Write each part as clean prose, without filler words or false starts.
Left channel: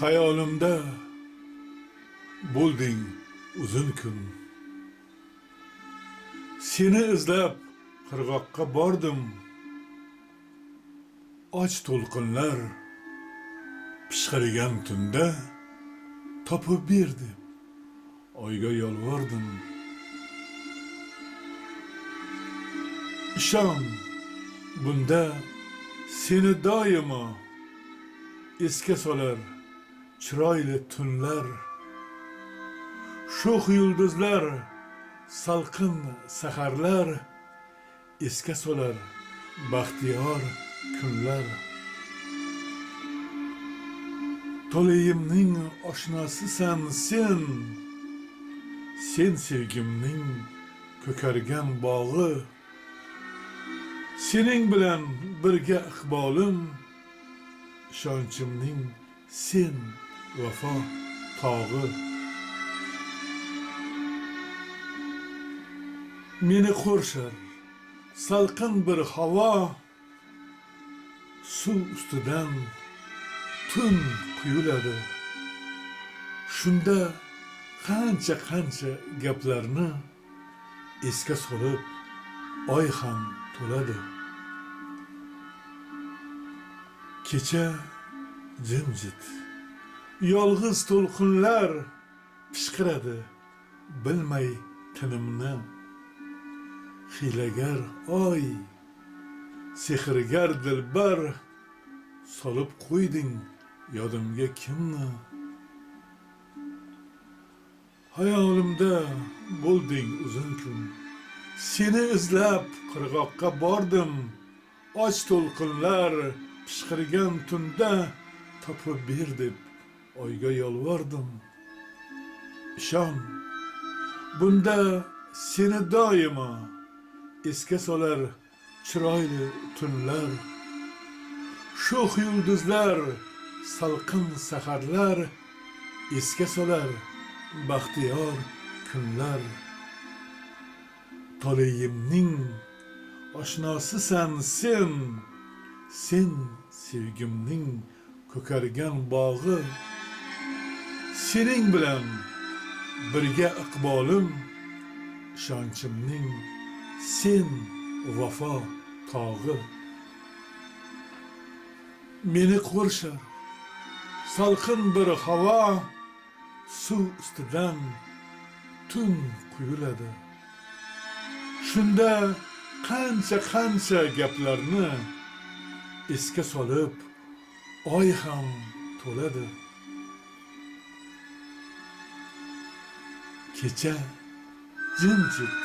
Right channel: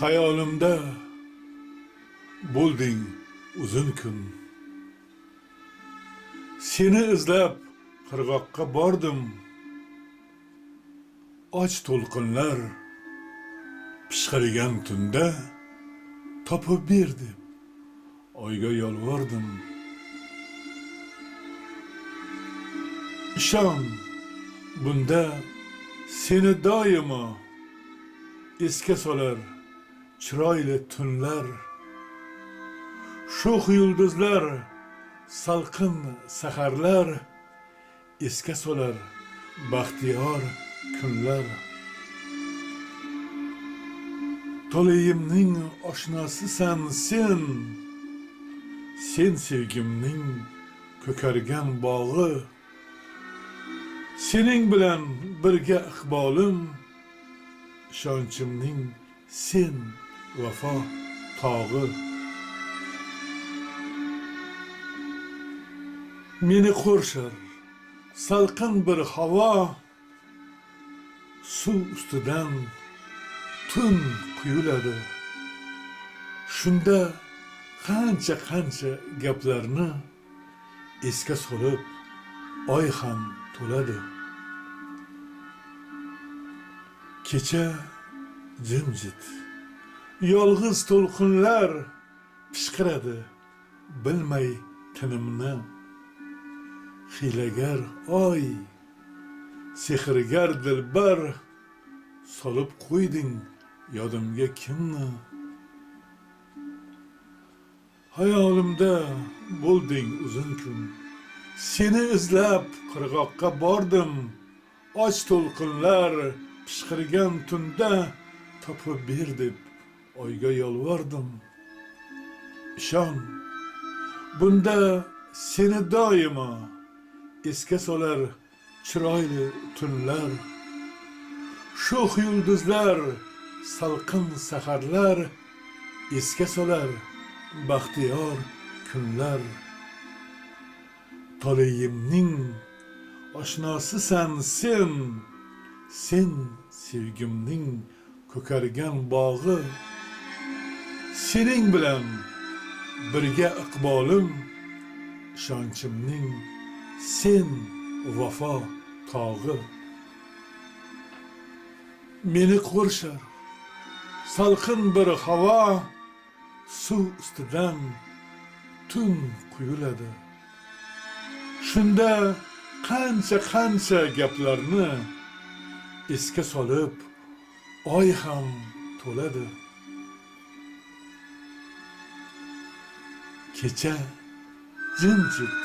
Hayolimda bo'lding uzun kun. Seni izlab qirg'oqqa bordim. Och to'lqinlar pishqirgan tunda topib ber deb oyga yolvordim. Ishon, bunda seni doimo esga solar chiroyli tunlar. Sho'x yulduzlar, salqin saharlar esga solar baxtiyor kunlar. To'layimning oshnosisan sen. Sen sevgimning ko'kargan bog'i. Sening bilan birga iqbolim, ishonchimning sen vafo tog'i. Meni qo'rshar salqin bir havo, suv ustidan tun quyuladi. Shunda qancha gaplarni esga solib oy ham to'ladi. Kecha jimjit, yolg'iz to'lqinlar pishqiradi bilmay tinimni. Hiylagar oy, sehrgar dilbar, solib qo'yding yodimga kimni. Hayolimda bo'lding uzun kun. Seni izlab qirg'oqqa bordim. Och to'lqinlar pishqirgan tunda topib ber deb oyga yolvordim. Ishon, bunda seni doimo esga solar chiroyli tunlar. Sho'x yulduzlar, salqin saharlar esga solar baxtiyor kunlar. To'layimning oshnosisan sen. Sen sevgimning ko'kargan bog'i. Sening bilan birga iqbolim, ishonchimning sen vafo tog'i. Meni qo'rshar salqin bir havo, suv ustidan tun quyuladi. Shunda qancha gaplarni esga solib oy ham to'ladi. Kecha jimjit,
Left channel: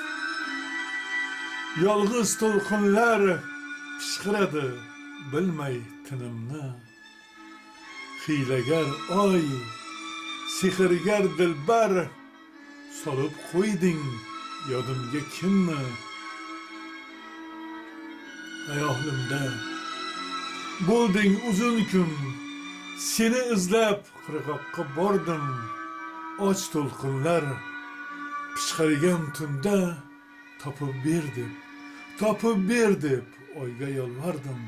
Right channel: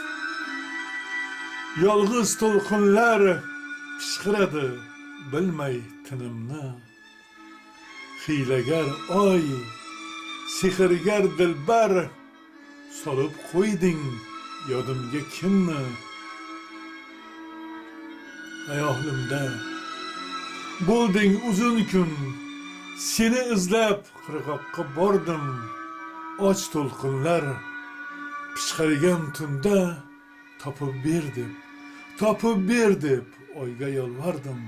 yolg'iz to'lqinlar pishqiradi bilmay tinimni. Hiylagar oy, sehrgar dilbar, solib qo'yding yodimga kimni. Hayolimda bo'lding uzun kun. Seni izlab qirg'oqqa bordim. Och to'lqinlar pishqirgan tunda topib ber deb oyga yolvordim.